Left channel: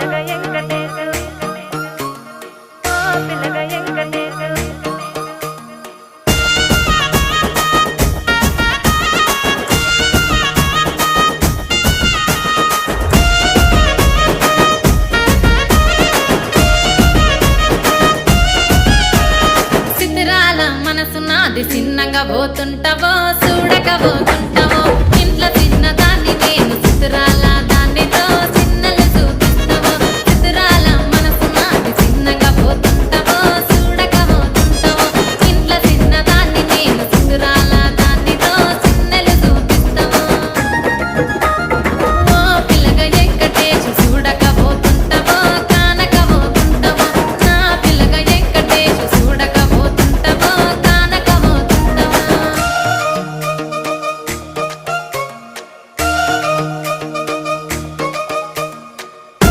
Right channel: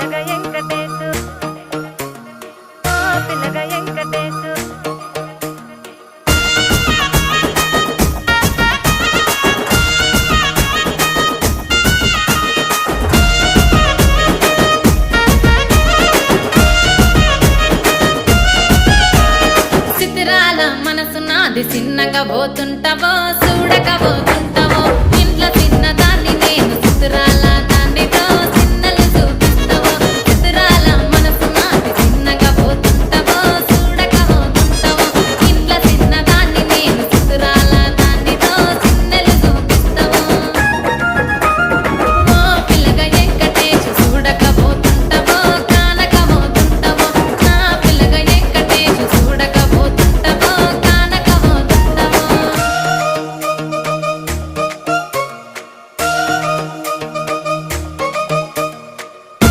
పిల్లగా వెంకటేశు ఓ పిల్లగా వెంకటేశు చిత్రాల మనసు నాది చిన్నగా పోతుంటావో చూడక పోతుంటావో ఇంట్లో చిన్నదాన్ని నేను చిత్రాల